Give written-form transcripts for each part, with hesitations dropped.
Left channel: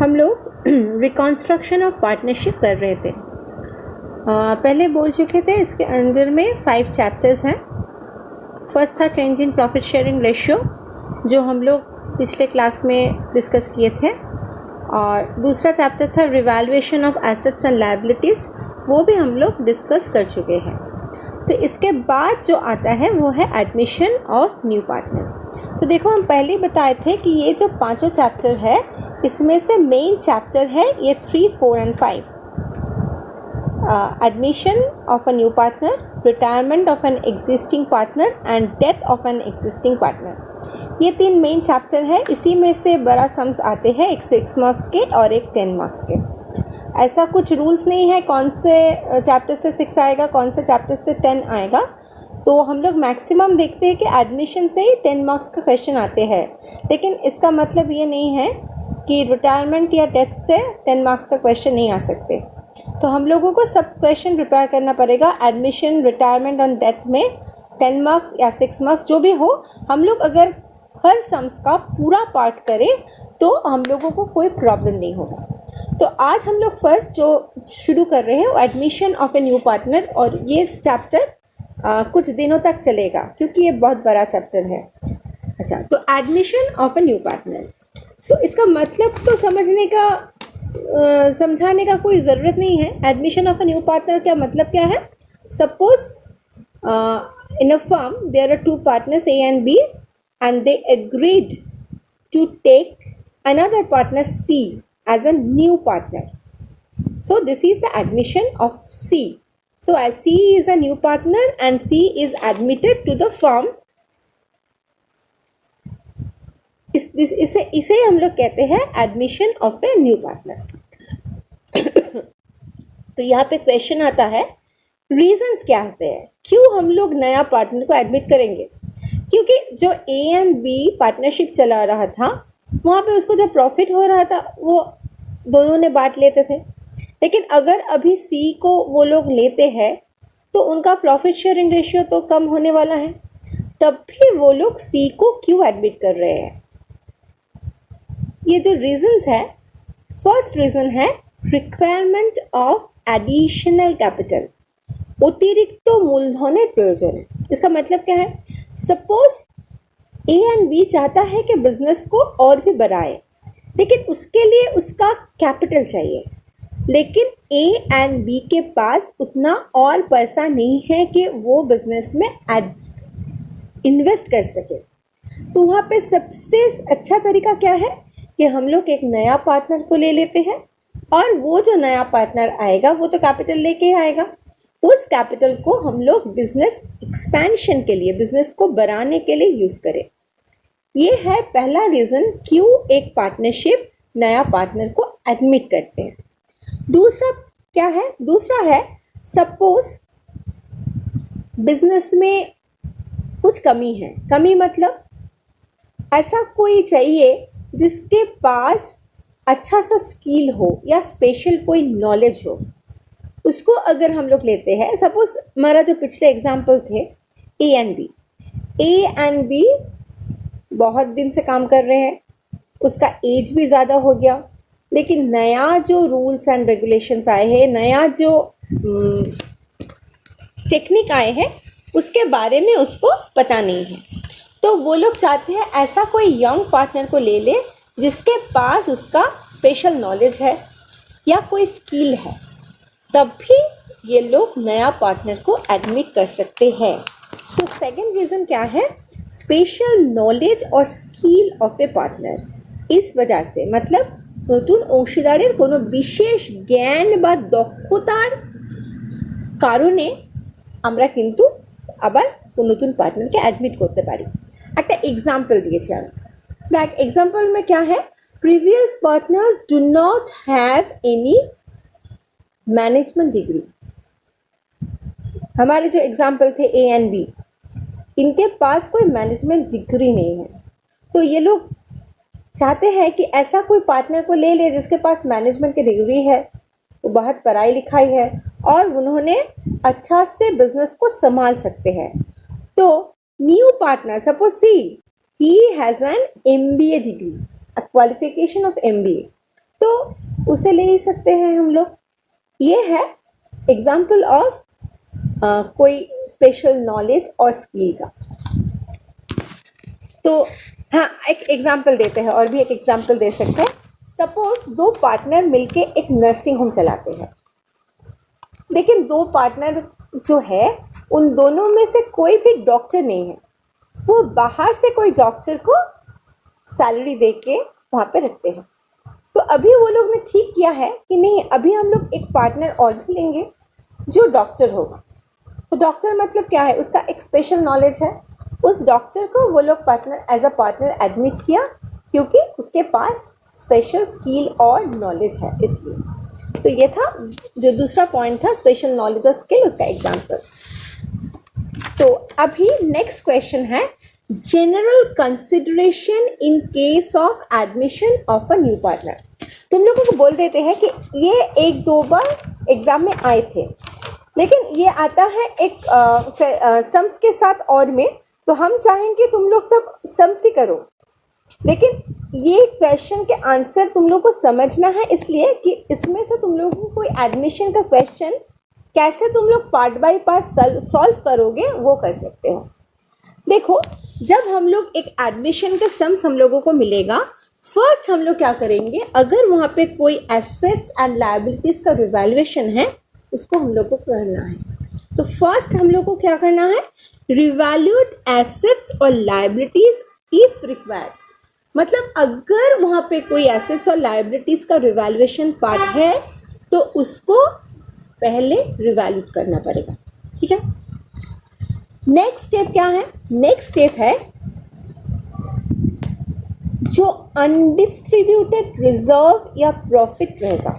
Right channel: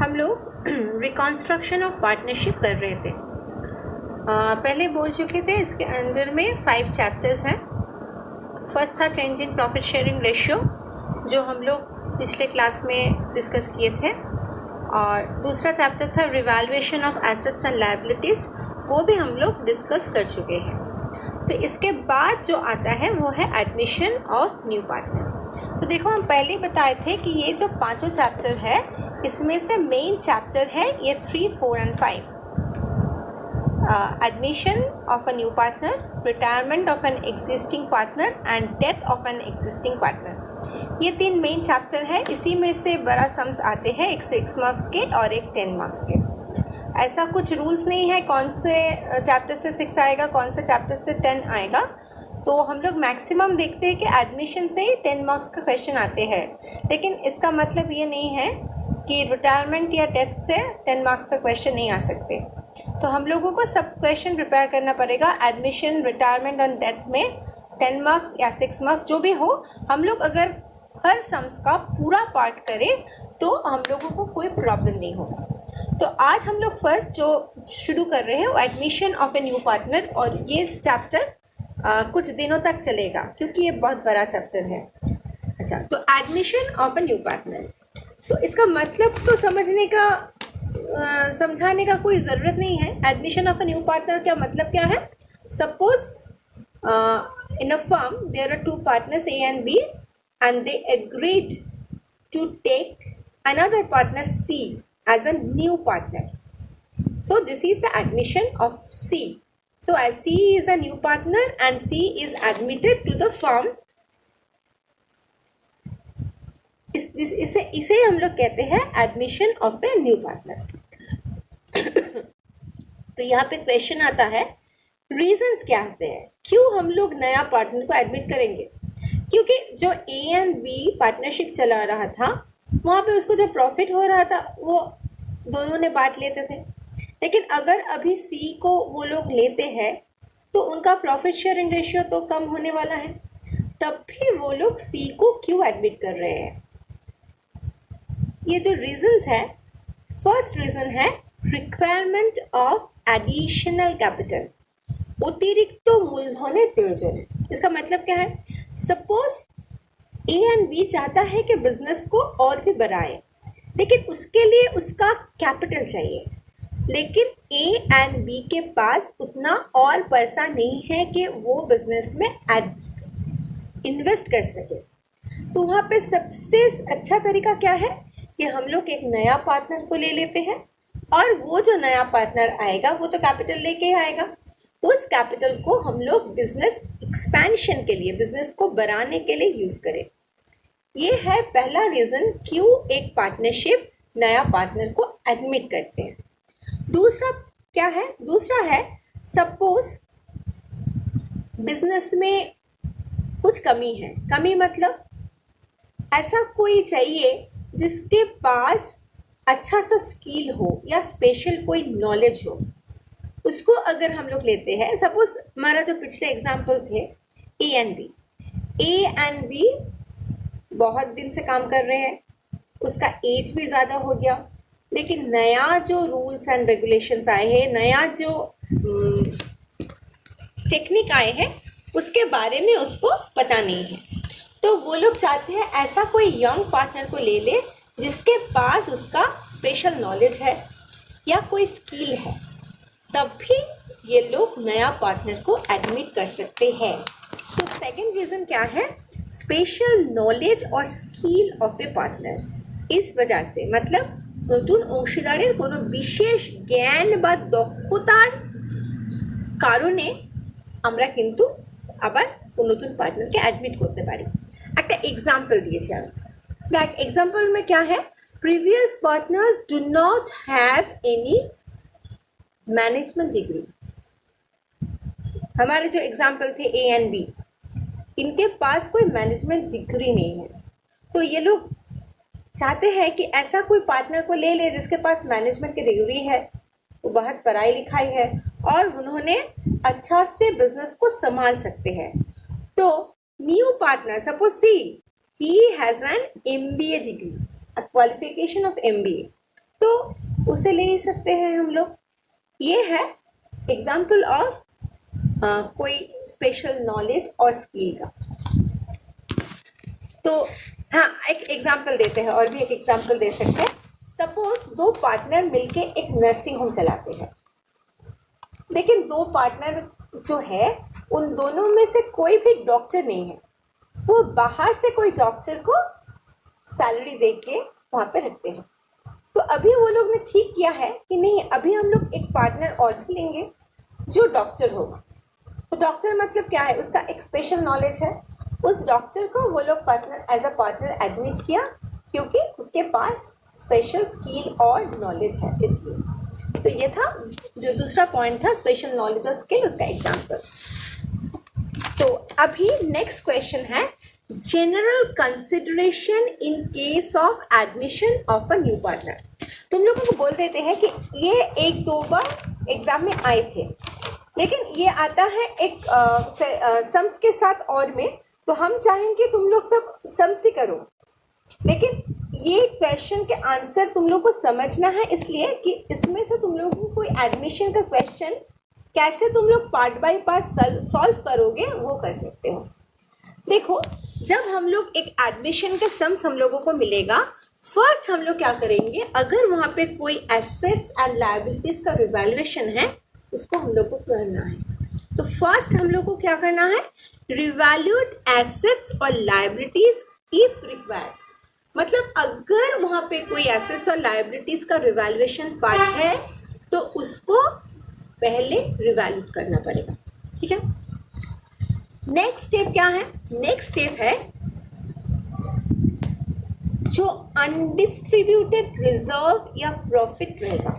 हम लोग reconstruction of partnership कर रहे थे। पहले बोल चुके थे इसके अंदर में 5 चैप्टर्स हैं। फर्स्ट था change in profit sharing ratio, जो हम लोग पिछले क्लास में डिस्कस किए थे, और दूसरा चैप्टर था revaluation of assets and liabilities, वो भी हम लोग डिस्कस कर चुके हैं। तो इसके बाद जो आता है वो है एडमिशन ऑफ न्यू पार्टनर। तो देखो, हम पहले ही बताए थे कि ये जो 5 चैप्टर है, इसमें से मेन चैप्टर है ये 3, 4 and 5। Admission of a new partner, retirement of an existing partner and death of an existing partner. ये 3 मेन चैप्टर है। इसी में से बड़ा सम्स आते हैं, एक 6 मार्क्स के और एक 10 मार्क्स के। ऐसा कुछ रूल्स नहीं है कौन से चैप्टर से 6 आएगा, कौन से चैप्टर से 10 आएगा। तो हम लोग मैक्सिमम देखते हैं कि एडमिशन से ही 10 मार्क्स का क्वेश्चन आते हैं, लेकिन इसका मतलब ये नहीं है कि रिटायरमेंट या डेथ से 10 मार्क्स का क्वेश्चन नहीं आ सकते। तो हम लोगों को सब क्वेश्चन प्रिपेयर करना पड़ेगा। एडमिशन, रिटायरमेंट और डेथ में 10 मार्क्स या 6 मार्क्स जो भी हो, हम लोग अगर हर सम्स का पूरा पार्ट करें तो हम लोगों को कोई प्रॉब्लम नहीं होगा। तो आज हम लोग फर्स्ट जो शुरू कर रहे हैं वो admission of a new partner, और ये चैप्टर कुछ दिनों तक चलेगा क्योंकि ये बहुत बड़ा चैप्टर है। अच्छा, तो admission of a new partner, तो इसका मतलब तो समझाने का कोई ज़रूरत नहीं है। Admission of a new partner का मतलब क्या है? Suppose in a firm there are 2 partners A and B and they agreed to take another partner C as a new partner. So this is the admission of C. So as C is a new partner and C is admitted to the firm, इसे हम लोग कहते हैं admission of a new partner. तो यहाँ पे question आता है, रीजंस क्या होते हैं, क्यों हम लोग नया पार्टनर को एडमिट करेंगे? क्योंकि जो A and B पार्टनरशिप चला रहा था, वहाँ पे उसको जो प्रॉफिट हो रहा था वो दोनों ने बांट लेते थे। लेकिन अगर अभी C को वो लोग लेते हैं तो उनका प्रॉफिट शेयरिंग रेशियो तो कम होने वाला है, तब भी वो लोग C को क्यों एडमिट कर रहे हैं? ये जो रीजंस है, फर्स्ट रीजन है रिक्वायरमेंट ऑफ एडिशनल कैपिटल, अतिरिक्त मूलधन प्रयोजन। इसका मतलब क्या है? सपोज A and B चाहता है कि बिजनेस को और भी बढ़ाए, लेकिन उसके लिए उसका कैपिटल चाहिए, लेकिन A and B के पास उतना और पैसा नहीं है कि वो बिजनेस में इन्वेस्ट कर सके। तो वहाँ पे सबसे अच्छा तरीका क्या है कि हम लोग एक नया पार्टनर को ले लेते हैं, और वो जो नया पार्टनर आएगा वो तो कैपिटल लेके ही आएगा। उस कैपिटल को हम लोग बिजनेस एक्सपेंशन के लिए, बिजनेस को बढ़ाने के लिए यूज करें। ये है पहला रीजन क्यों एक पार्टनरशिप नया पार्टनर को एडमिट करते हैं। दूसरा क्या है? दूसरा है सपोज बिजनेस में कुछ कमी है। कमी मतलब ऐसा कोई चाहिए जिसके पास अच्छा सा स्किल हो या स्पेशल कोई नॉलेज हो, उसको अगर हम लोग लेते हैं। सपोज हमारा जो पिछले एग्जाम्पल थे A and B बहुत दिन से काम कर रहे हैं, उसका एज भी ज़्यादा हो गया, लेकिन नया जो रूल्स एंड रेगुलेशंस आए हैं, नया जो टेक्निक आए हैं, उसके बारे में उसको पता नहीं है। तो वो लोग चाहते हैं ऐसा कोई यंग पार्टनर को ले ले जिसके पास उसका स्पेशल नॉलेज है या कोई स्किल है, तब भी ये लोग नया पार्टनर को एडमिट कर सकते हैं। तो सेकंड रीज़न क्या है? स्पेशल नॉलेज और स्किल ऑफ ए पार्टनर। इस वजह से मतलब নতুন অংশীদারের কোনো বিশেষ জ্ঞান বা দক্ষতার কারণে আমরা কিন্তু আবার নতুন পার্টনারকে অ্যাডমিট করতে পারি। একটা এক্সাম্পল দিয়েছি আমি। দেখ, एग्जाम्पल में क्या है? Previous partners do not have any management degree. हमारे जो एग्जाम्पल थे A and B, इनके पास कोई मैनेजमेंट डिग्री नहीं है। तो ये लोग चाहते हैं कि ऐसा कोई पार्टनर को ले ले जिसके पास मैनेजमेंट की डिग्री है, वो बहुत पढ़ाई लिखाई है और उन्होंने अच्छा से बिजनेस को संभाल सकते हैं। तो new partner, suppose C, he has an MBA degree, a qualification of MBA, तो उसे ले ही सकते हैं हम लोग। ये है एग्जाम्पल ऑफ कोई स्पेशल नॉलेज और स्किल का। तो हाँ, एक एग्जाम्पल देते हैं, और भी एक एग्जाम्पल दे सकते हैं। सपोज दो पार्टनर मिलके एक नर्सिंग होम चलाते हैं, लेकिन दो पार्टनर जो है उन दोनों में से कोई भी डॉक्टर नहीं है। वो बाहर से कोई डॉक्टर को सैलरी दे के वहाँ पे रखते हैं। तो अभी वो लोग ने ठीक किया है कि नहीं, अभी हम लोग एक पार्टनर और भी लेंगे जो डॉक्टर होगा। तो डॉक्टर मतलब क्या है, उसका एक स्पेशल नॉलेज है। उस डॉक्टर को वो लोग partner as a partner admit किया क्योंकि उसके पास स्पेशल स्किल और नॉलेज है, इसलिए। तो ये था जो दूसरा पॉइंट था, स्पेशल नॉलेज और स्किल, उसका एग्जाम्पल। तो अभी नेक्स्ट क्वेश्चन है, general consideration in case of admission of a new partner. तुम लोगों को बोल देते हैं कि ये एक दो बार एग्जाम में आए थे, लेकिन ये आता है एक सम्स के साथ और में, तो हम चाहेंगे तुम लोग सब सम्स ही करो, लेकिन ये क्वेश्चन के आंसर तुम लोग को समझना है, इसलिए कि इसमें से तुम लोगों को कोई एडमिशन का क्वेश्चन कैसे तुम लोग पार्ट बाय पार्ट सॉल्व करोगे वो कर सकते हो। देखो, जब हम लोग एक एडमिशन का सम्स हम लोगों को मिलेगा, फर्स्ट हम लोग क्या करेंगे, अगर वहाँ पे कोई एसेट्स एंड लायबिलिटीज का रिवैल्यूएशन है उसको हम लोग को करना है। तो फर्स्ट हम लोग को क्या करना है, रिवैल्यूएट एसेट्स और लायबिलिटीज इफ रिक्वायर्ड। मतलब अगर वहाँ पे कोई एसेट्स और लायबिलिटीज का रिवैल्यूएशन पार्ट है तो उसको पहले रिवैल्यूएट करना पड़ेगा, ठीक है। नेक्स्ट स्टेप क्या है, नेक्स्ट स्टेप है जो अनडिस्ट्रीब्यूटेड रिजर्व या प्रॉफिट रहेगा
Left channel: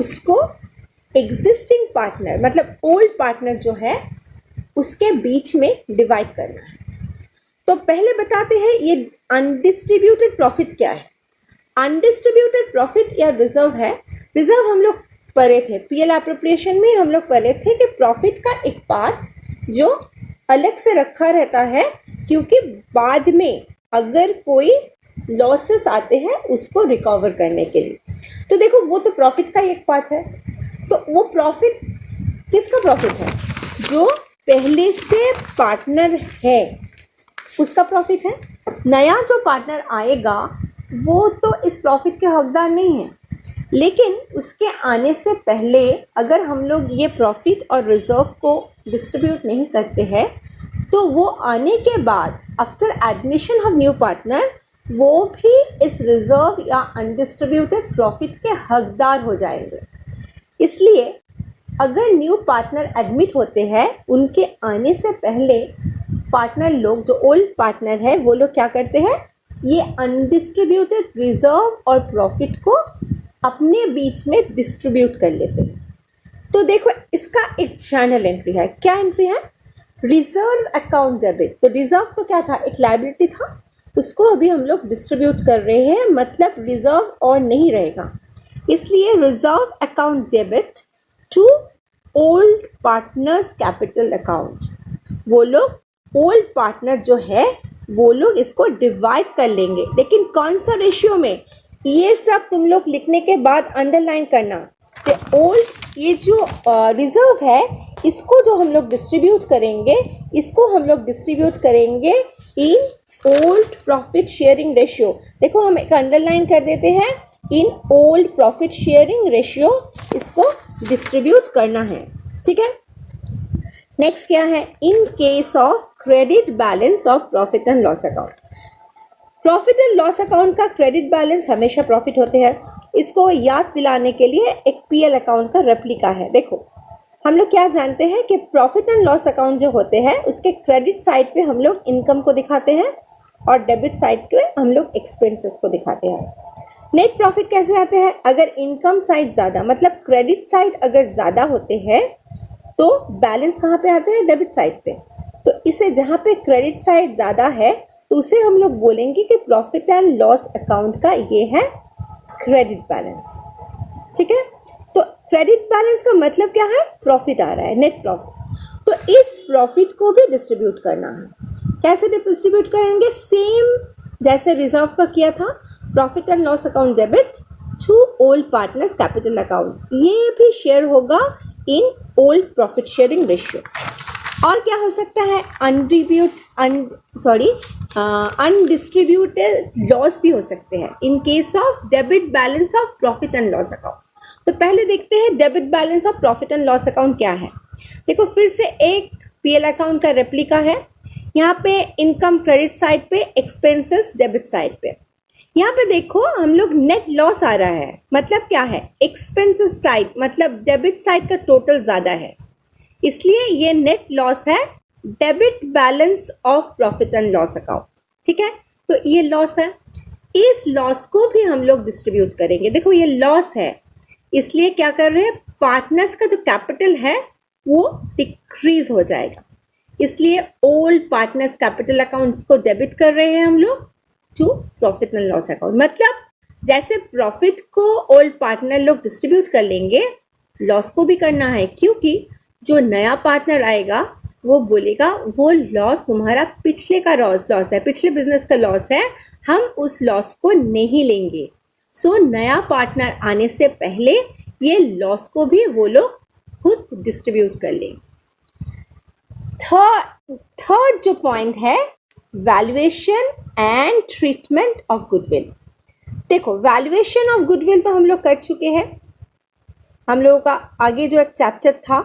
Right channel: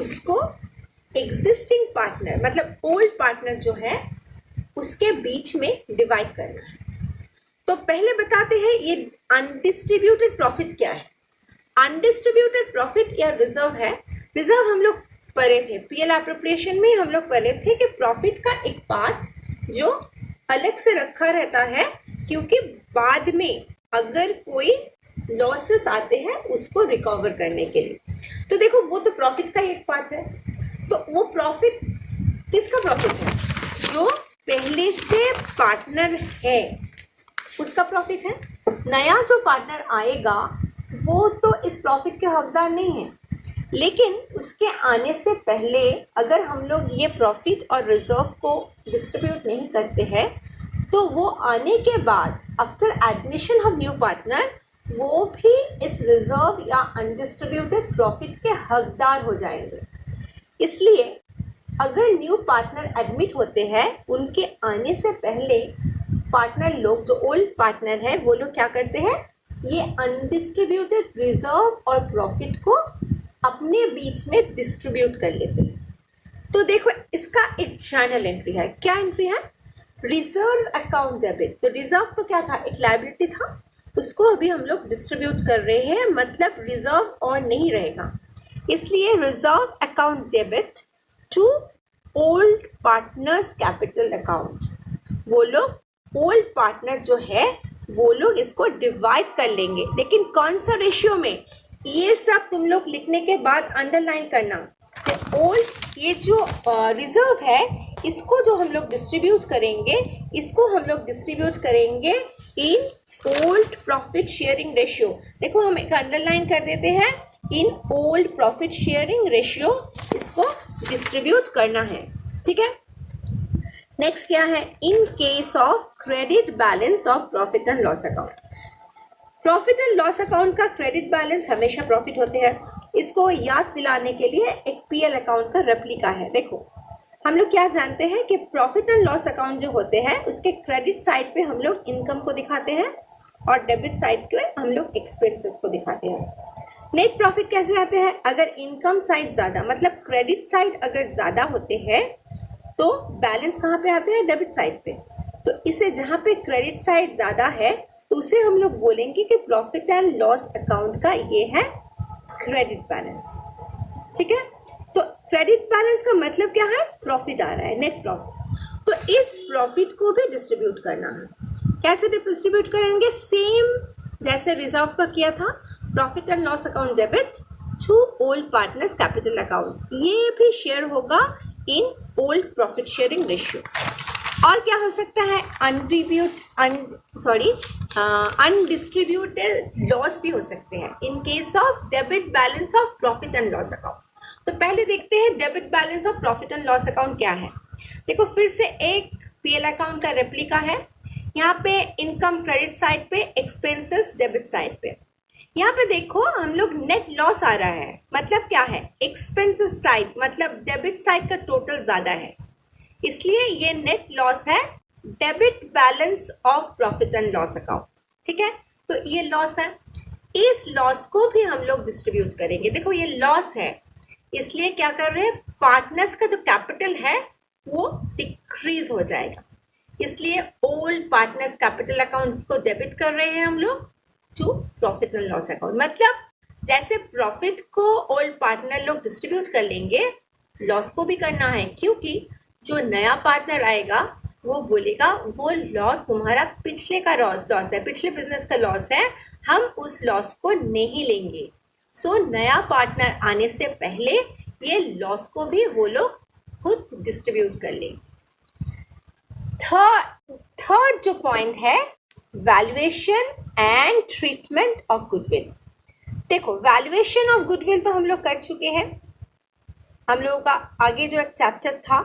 उसको एग्जिस्टिंग पार्टनर मतलब ओल्ड पार्टनर जो है उसके बीच में डिवाइड करना है। तो पहले बताते हैं ये अनडिस्ट्रीब्यूटेड प्रॉफिट क्या है। अनडिस्ट्रीब्यूटेड प्रॉफिट या रिजर्व है, रिजर्व हम लोग पढ़े थे पीएल एप्रोप्रिएशन में, हम लोग पढ़े थे कि प्रॉफिट का एक पार्ट जो अलग से रखा रहता है क्योंकि बाद में अगर कोई लॉसेस आते हैं उसको रिकवर करने के लिए। तो देखो, वो तो प्रॉफिट का एक पार्ट है। तो वो प्रॉफिट किसका प्रॉफिट है, जो पहले से पार्टनर है उसका प्रॉफिट है। नया जो पार्टनर आएगा वो तो इस प्रॉफिट के हकदार नहीं है, लेकिन उसके आने से पहले अगर हम लोग ये प्रॉफिट और रिजर्व को डिस्ट्रीब्यूट नहीं करते हैं तो वो आने के बाद after admission of new partner वो भी इस रिजर्व या अनडिस्ट्रीब्यूटेड प्रॉफिट के हकदार हो जाएंगे। इसलिए अगर न्यू पार्टनर एडमिट होते हैं उनके आने से पहले पार्टनर लोग जो ओल्ड पार्टनर है वो लोग क्या करते हैं, ये अनडिस्ट्रीब्यूटेड रिजर्व और प्रॉफिट को अपने बीच में डिस्ट्रीब्यूट कर लेते हैं। तो देखो, इसका एक जर्नल एंट्री है। क्या एंट्री है, रिजर्व अकाउंट डेबिट। तो रिजर्व तो क्या था, एक लायबिलिटी था, उसको अभी हम लोग डिस्ट्रीब्यूट कर रहे हैं, मतलब रिजर्व और नहीं रहेगा। इसलिए reserve account debit to old partners capital account. वो लोग ओल्ड पार्टनर जो है वो लोग इसको डिवाइड कर लेंगे, लेकिन कौन सा रेशियो में, ये सब तुम लोग लिखने के बाद अंडरलाइन करना कि ओल्ड ये जो रिजर्व है इसको जो हम लोग डिस्ट्रीब्यूट करेंगे, इसको हम लोग डिस्ट्रीब्यूट करेंगे इन ओल्ड प्रॉफिट शेयरिंग रेशियो। देखो, हम एक अंडरलाइन कर देते हैं, इन ओल्ड प्रॉफिट शेयरिंग रेशियो इसको डिस्ट्रीब्यूट करना है, ठीक है। नेक्स्ट क्या है, इन case of credit balance of profit and loss account. Profit and loss account का क्रेडिट बैलेंस हमेशा प्रॉफिट होते हैं। इसको याद दिलाने के लिए एक पीएल अकाउंट का रेप्लिका है। देखो, हम लोग क्या जानते हैं कि प्रॉफिट एंड लॉस अकाउंट जो होते हैं उसके क्रेडिट साइड पे हम लोग इनकम को दिखाते हैं और डेबिट साइड पे हम लोग एक्सपेंसेस को दिखाते हैं। नेट प्रॉफिट कैसे आते हैं, अगर इनकम साइड ज़्यादा मतलब क्रेडिट साइड अगर ज़्यादा होते हैं तो बैलेंस कहाँ पे आते हैं, डेबिट साइड पे। तो इसे जहाँ पे क्रेडिट साइड ज़्यादा है तो उसे हम लोग बोलेंगे कि प्रॉफिट एंड लॉस अकाउंट का ये है क्रेडिट बैलेंस, ठीक है। तो क्रेडिट बैलेंस का मतलब क्या है, प्रॉफिट आ रहा है, नेट प्रॉफिट। तो इस प्रॉफिट को भी डिस्ट्रीब्यूट करना है। कैसे डिस्ट्रीब्यूट करेंगे, सेम जैसे रिजर्व का किया था, profit and loss account debit to old partners capital account, ये भी शेयर होगा in old profit sharing ratio. और क्या हो सकता है, अनडिस्ट्रीब्यूटेड लॉस भी हो सकते हैं इन case of debit balance of profit and loss account. तो पहले देखते हैं debit balance of profit and loss account क्या है। देखो फिर से एक पीएल अकाउंट का रेप्लिका है। यहाँ पे इनकम क्रेडिट साइड पे, एक्सपेंसेस डेबिट साइड पे। यहाँ पे देखो हम लोग नेट लॉस आ रहा है, मतलब क्या है, एक्सपेंसेस साइड मतलब डेबिट साइड का टोटल ज्यादा है, इसलिए ये नेट लॉस है debit balance of profit and loss account. ठीक है, तो ये लॉस है, इस लॉस को भी हम लोग डिस्ट्रीब्यूट करेंगे। देखो ये लॉस है, इसलिए क्या कर रहे हैं, पार्टनर्स का जो कैपिटल है वो डिक्रीज हो जाएगा, इसलिए ओल्ड पार्टनर्स कैपिटल अकाउंट को डेबिट कर रहे हैं हम लोग to profit and loss account. मतलब जैसे प्रॉफिट को ओल्ड पार्टनर लोग डिस्ट्रीब्यूट कर लेंगे, लॉस को भी करना है, क्योंकि जो नया पार्टनर आएगा वो बोलेगा वो लॉस तुम्हारा पिछले का लॉस है, पिछले बिजनेस का लॉस है, हम उस लॉस को नहीं लेंगे। सो नया पार्टनर आने से पहले ये लॉस को भी वो लोग खुद डिस्ट्रीब्यूट कर लेंगे। थर्ड जो पॉइंट है, valuation and treatment of goodwill. देखो वैल्यूएशन ऑफ गुडविल तो हम लोग कर चुके हैं, हम लोगों का आगे जो एक चैप्टर था,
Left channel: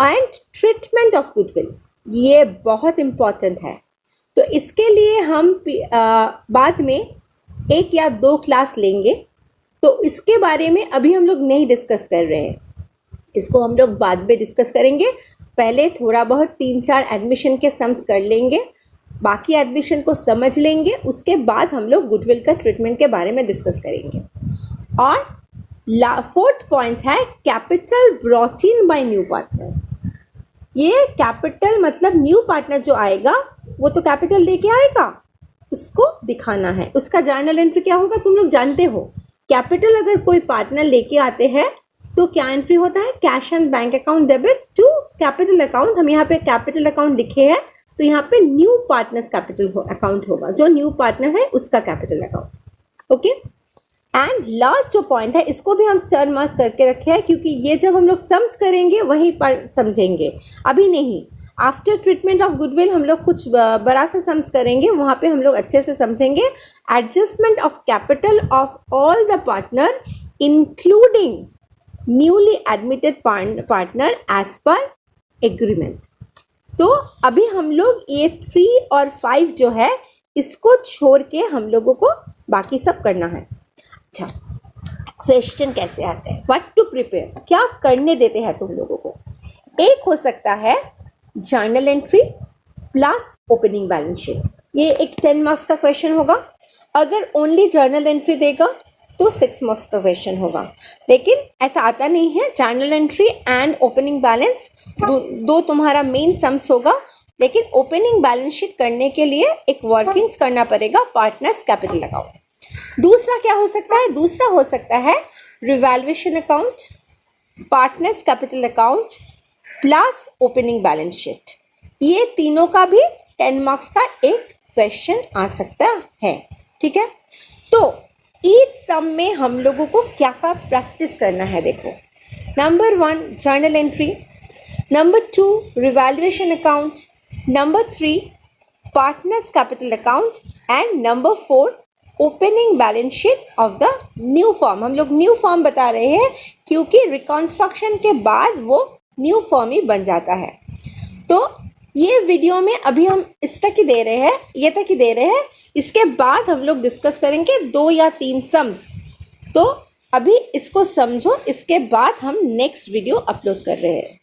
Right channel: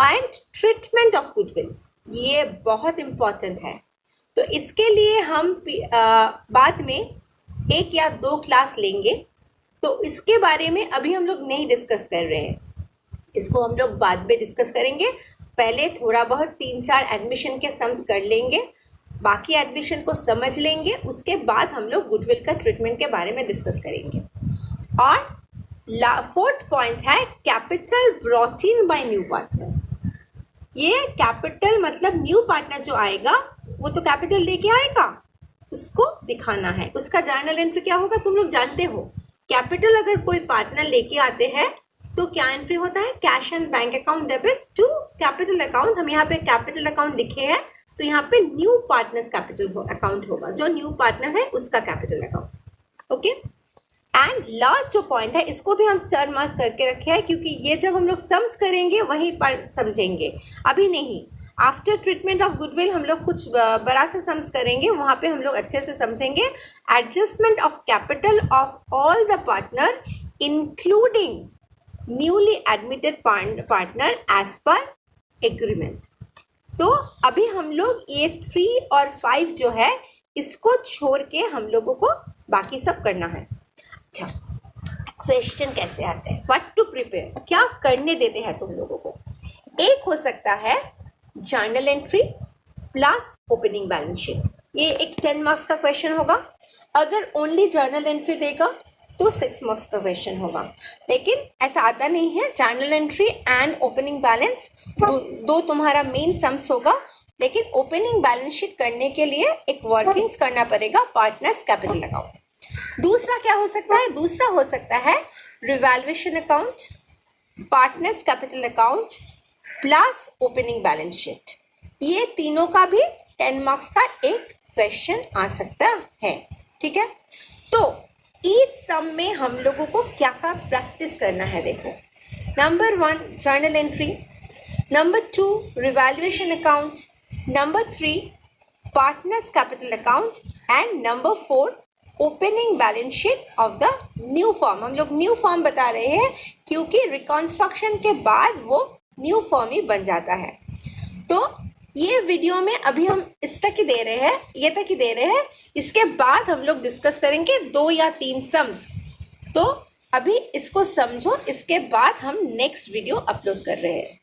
एंड ट्रीटमेंट ऑफ गुडविल ये बहुत इंपॉर्टेंट है। तो इसके लिए हम बाद में 1 या 2 क्लास लेंगे, तो इसके बारे में अभी हम लोग नहीं डिस्कस कर रहे हैं, इसको हम लोग बाद में डिस्कस करेंगे। पहले थोड़ा बहुत 3-4 एडमिशन के सम्स कर लेंगे, बाकी एडमिशन को समझ लेंगे, उसके बाद हम लोग गुडविल का ट्रीटमेंट के बारे में डिस्कस करेंगे। और 4th पॉइंट है capital brought in by new partner. ये कैपिटल मतलब न्यू पार्टनर जो आएगा वो तो कैपिटल लेके आएगा, उसको दिखाना है, उसका जर्नल एंट्री क्या होगा तुम लोग जानते हो। कैपिटल अगर कोई पार्टनर लेके आते हैं तो क्या एंट्री होता है, cash and bank account debit to capital account. हम यहाँ पे कैपिटल अकाउंट लिखे हैं, तो यहाँ पे न्यू पार्टनर्स कैपिटल अकाउंट होगा, जो न्यू पार्टनर है उसका capital account. Okay, and last जो पॉइंट है इसको भी हम स्टार मार्क करके रखे हैं, क्योंकि ये जब हम लोग सम्स करेंगे वहीं पर समझेंगे, अभी नहीं। आफ्टर ट्रीटमेंट ऑफ गुडविल हम लोग कुछ बड़ा सा सम्स करेंगे, वहाँ पे हम लोग अच्छे से समझेंगे। Adjustment of capital of all the partner including newly admitted partner as per agreement. तो अभी हम लोग ये 3 और 5 जो है इसको छोड़ के हम लोगों को बाकी सब करना है। अच्छा, क्वेश्चन कैसे आते हैं, व्हाट टू प्रिपेयर, क्या करने देते हैं तुम लोगों को। एक हो सकता है journal entry plus opening balance sheet, ये एक 10 मार्क्स का क्वेश्चन होगा। अगर ओनली जर्नल एंट्री देगा तो 6 मार्क्स का क्वेश्चन होगा, लेकिन ऐसा आता नहीं है। Journal entry and opening balance दो तुम्हारा मेन सम्स होगा, लेकिन ओपनिंग बैलेंस शीट करने के लिए एक वर्किंग्स करना पड़ेगा पार्टनर्स कैपिटल अकाउंट। दूसरा क्या हो सकता है, दूसरा हो सकता है revaluation account, partners capital account plus opening balance sheet. ये तीनों का भी 10 मार्क्स का एक क्वेश्चन आ सकता है। ठीक है, तो ईच सम में हम लोगों को क्या क्या प्रैक्टिस करना है। देखो, number 1 journal entry, number 2 revaluation account, number 3 partners capital account and number 4 opening balance sheet of the new form. हम लोग न्यू फॉर्म बता रहे हैं क्योंकि रिकॉन्स्ट्रक्शन के बाद वो न्यू फॉर्म ही बन जाता है। तो ये वीडियो में अभी हम इस तक ही दे रहे हैं, ये तक ही दे रहे हैं। इसके बाद हम लोग डिस्कस करेंगे 2 या 3 सम्स। तो अभी इसको समझो, इसके बाद हम नेक्स्ट वीडियो अपलोड कर रहे हैं।